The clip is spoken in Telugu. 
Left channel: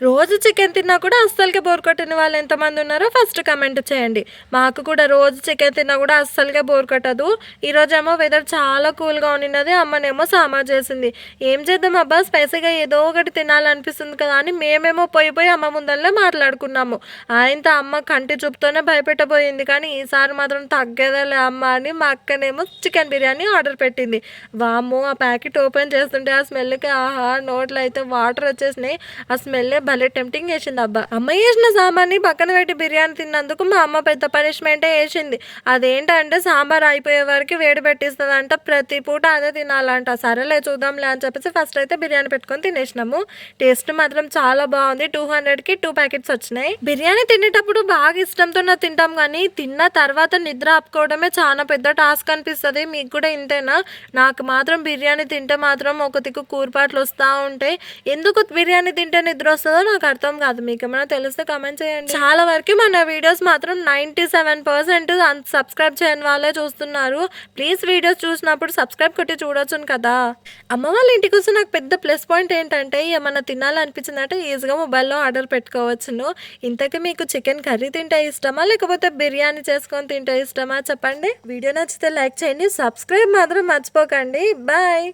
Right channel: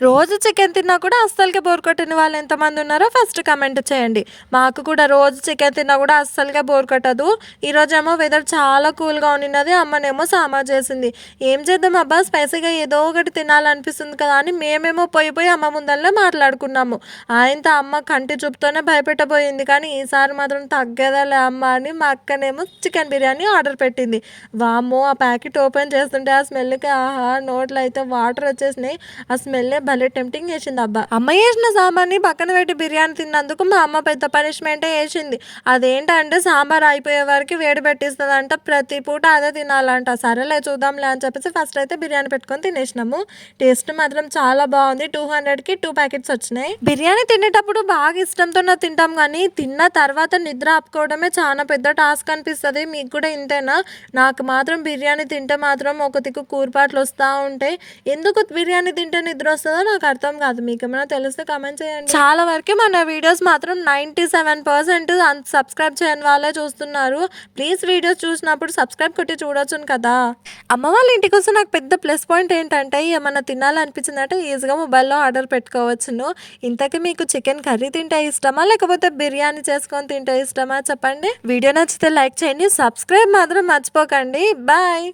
రోజు చికెన్ తిన్నా కూడా అస్సలకి బోర్ కొట్టని వాళ్ళు ఎంతమంది ఉన్నారో ఫస్ట్ కమెంట్ చేయండి. మాకు కూడా రోజు చికెన్ తిన్నా కూడా అస్సలుగా బోర్ కొట్టదు. ఈరోజేమో వెదర్ చాలా కూల్‌గా ఉండిన్నది. అమ్మనేమో సాంబార్ చేసింది. ఏం చేద్దాం అబ్బా! స్పైసీగా ఏదో ఒకటి తినాలనిపిస్తుంది కదా అని మేమేమో పోయి అమ్మ ముందలనే మాట్లాడుకున్నాము. ఆయనతో అమ్మ కంటి చూపుతోనే భయపెట్టబోయింది. కానీ ఈసారి మాత్రం తగ్గేదేలే అమ్మ అని మా అక్కనేమో చికెన్ బిర్యానీ ఆర్డర్ పెట్టింది. వామ్మో! ఆ ప్యాకెట్ ఓపెన్ చేస్తుంటే ఆ స్మెల్‌కి ఆహా! నోట్లో అయితే వాటర్ వచ్చేసినాయి. ఆ స్మెల్లే భలే టెంప్టింగ్ చేసిందబ్బా! అమ్మ చేసిన సాంబార్‌ని పక్కన పెట్టి బిర్యానీ తిన్నందుకు మా అమ్మ పెద్ద పనిష్మెంటే ఏసింది. అదేంటంటే సాంబార్ అయిపోయే వరకు వేడి పెట్టిస్తదంట. ప్రతి పూట అదే తినాలంట. సరేలే చూద్దాంలే అని చెప్పేసి ఫస్ట్ అయితే బిర్యానీ పెట్టుకొని తినేసినాము. టేస్ట్ మాత్రం చాలా బావుంది. 200కి 2 ప్యాకెట్స్ వచ్చినాయి. బిర్యానీ తినేటప్పుడు బాగా ఇష్టంతోనే తింటాం గానీ, తిన్న తర్వాత నిద్ర ఆపుకోవడమే చాలా పెద్ద టాస్క్ అనిపిస్తది. మీకు కూడా ఇంతేనా? నాకు మాత్రం బిర్యానీ తింటే మాత్రం ఒక దిక్కు కూరుపాట్లు వస్తా ఉంటాయి. ఎందుకు బిర్యానీ తింటే నిద్రొస్తదో నాకు అర్థం కాదు. మీకేమైనా తెలిస్తే కామెంట్ చేయండి. చాలా వరకు మన వీడియోస్ మాత్రం 97% సబ్స్క్రైబ్ చేయని వాళ్ళే చూస్తున్నారు. ప్లీజ్ వీడియోస్ చూసినప్పుడు సబ్స్క్రైబ్ కొట్టి చూడొచ్చును కదా! అమ్మ వాళ్ళ ఇంటికొస్తే నాకు పెద్ద ప్లస్ పాయింట్ ఏంటంటే ఏమన్నా తినాలనిపించిందంటే ఈజీగా మొబైల్‌లో ఆర్డర్ పెట్టుకోవచ్చును. ఇంతకీ మీకు చికెన్ కర్రీ తింటే ఇష్టమా? లేకపోతే బిర్యానీ చేసుకొని తింటే ఇష్టమా చెప్పండి? వీడియో నచ్చితే లైక్ చేయండి. సబ్స్క్రైబ్ మాత్రం మర్చిపోకండి. బాయ్.